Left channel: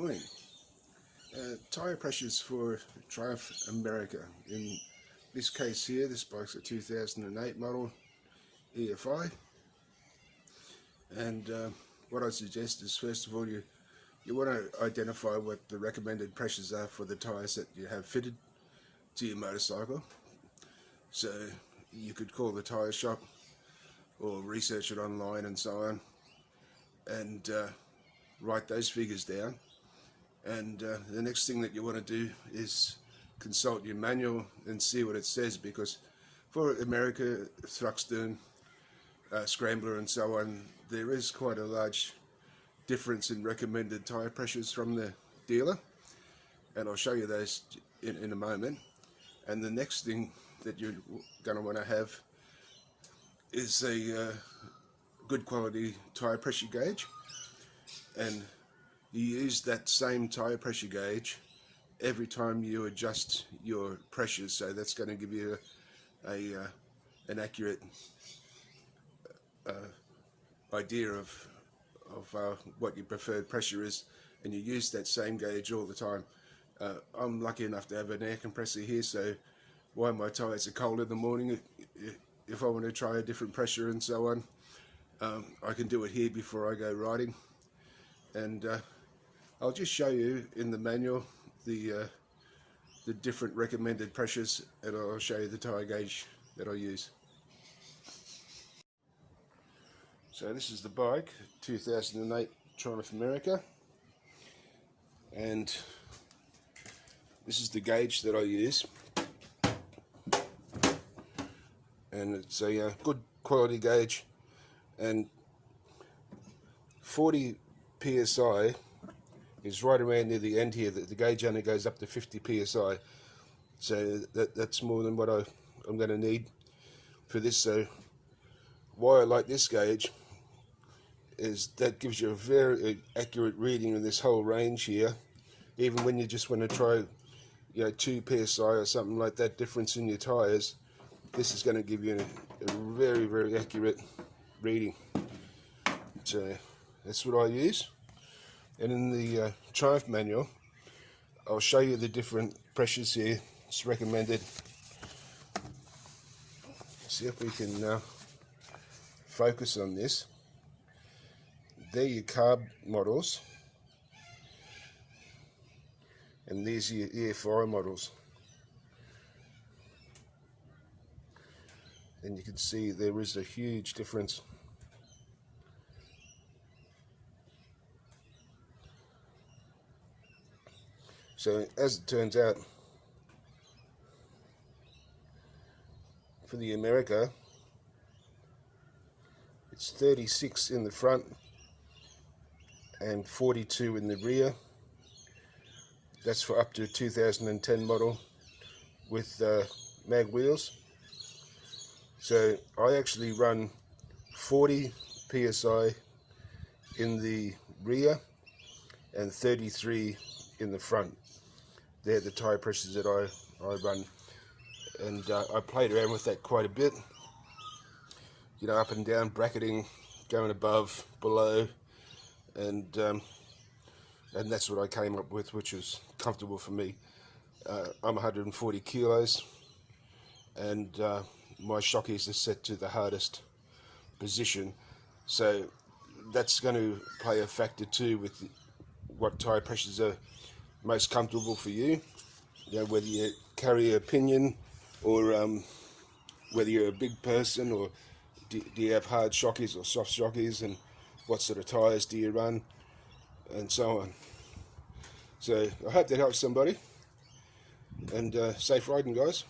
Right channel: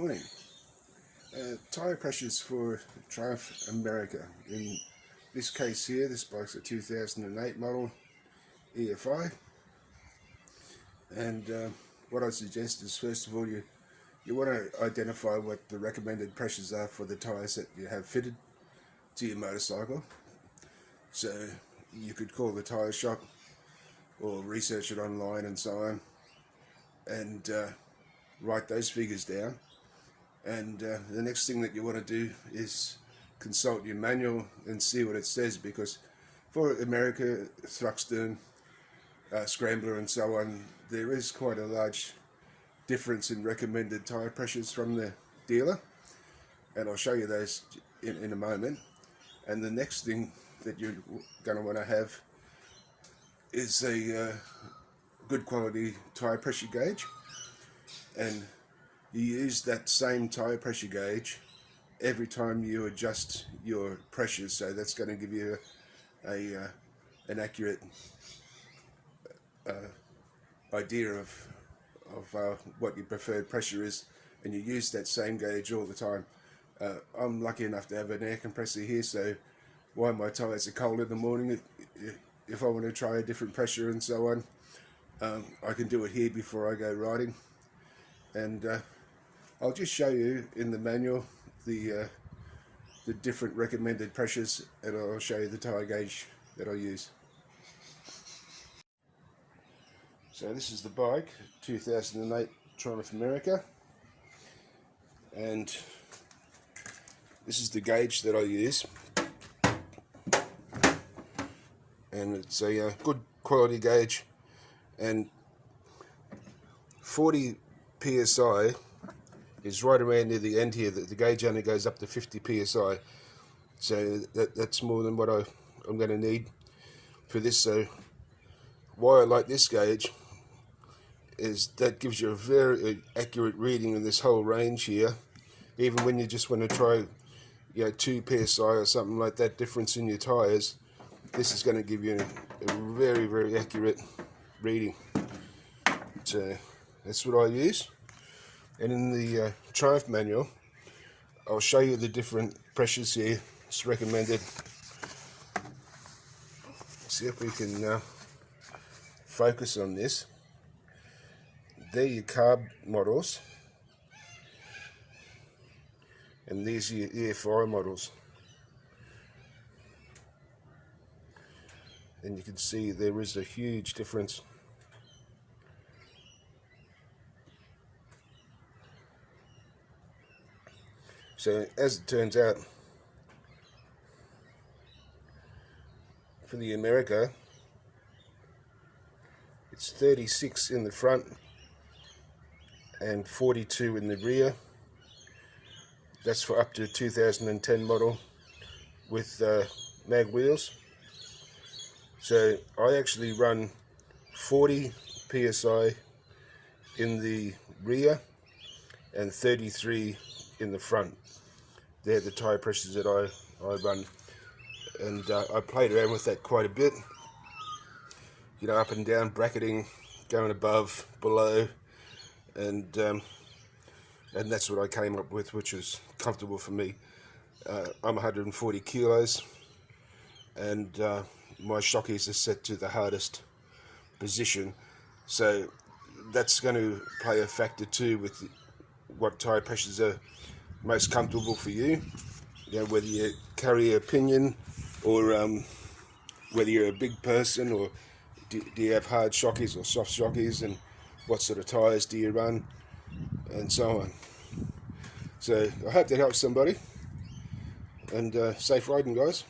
Morning. Tyre pressures for Triumph America. In this case here, this bike's a 2008 model EFI, and what I suggest is, first of all, you want to identify what the recommended pressures are for the tyres that you have fitted to your motorcycle. So you could call the tyre shop or research it online and so on, and write those figures down. And the next thing that you want to do is consult your manual and see what it says, because for America, Thruxton, Scrambler and so on, there is quite a large difference in recommended tyre pressures from the dealer, and I'll show you those in a moment. And the next thing that you're going to want to have is a good quality tyre pressure gauge, and you use that same tyre pressure gauge every time you adjust your pressures, so that's going to give you an accurate idea of what your preferred pressure is, and you use that same gauge all the time. I'm lucky enough to have an air compressor here, so while my tyres are cold in the morning, if I want to try a different pressure and so on, I can do it here before I go riding. And I'll just show you in the manual the different recommended pressures, and I'll show you the tyre gauge that I use. So this is the bike, 2008 Triumph America, and this is the gauge that I use, and it's a good quality gauge, and 40 psi is right around near the end here. The gauge only goes up to 50 psi, so that's more than what I'm going to need for this. So why I like this gauge is that gives you a very accurate reading in this whole range here, even when you just want to try 2 psi or something like that difference in your tires. This is going to give you a very, very accurate reading. So that's what I use. And in the Triumph manual, I'll show you the different pressures here. It's recommended. See if we can focus on this. They're your carb models, and these are your EFI models. And you can see there is a huge difference. So as it turns out, for the America, it's 36 in the front and 42 in the rear. That's for up to 2010 model with mag wheels. So I actually run 40 psi in the rear and 33 in the front. They're the tyre pressures that I run, and I played around with that quite a bit, up and down, bracketing, going above, below, and that's what I came up with, which is comfortable for me. I'm 140 kilos, and my shockies are set to the hardest position, so that's going to play a factor too with what tyre pressures are most comfortable for you. Whether you carry a pinion, or whether you're a big person, or do you have hard shockies or soft shockies, and what sort of tyres do you run, and so on. So I hope that helps somebody, and safe riding, guys.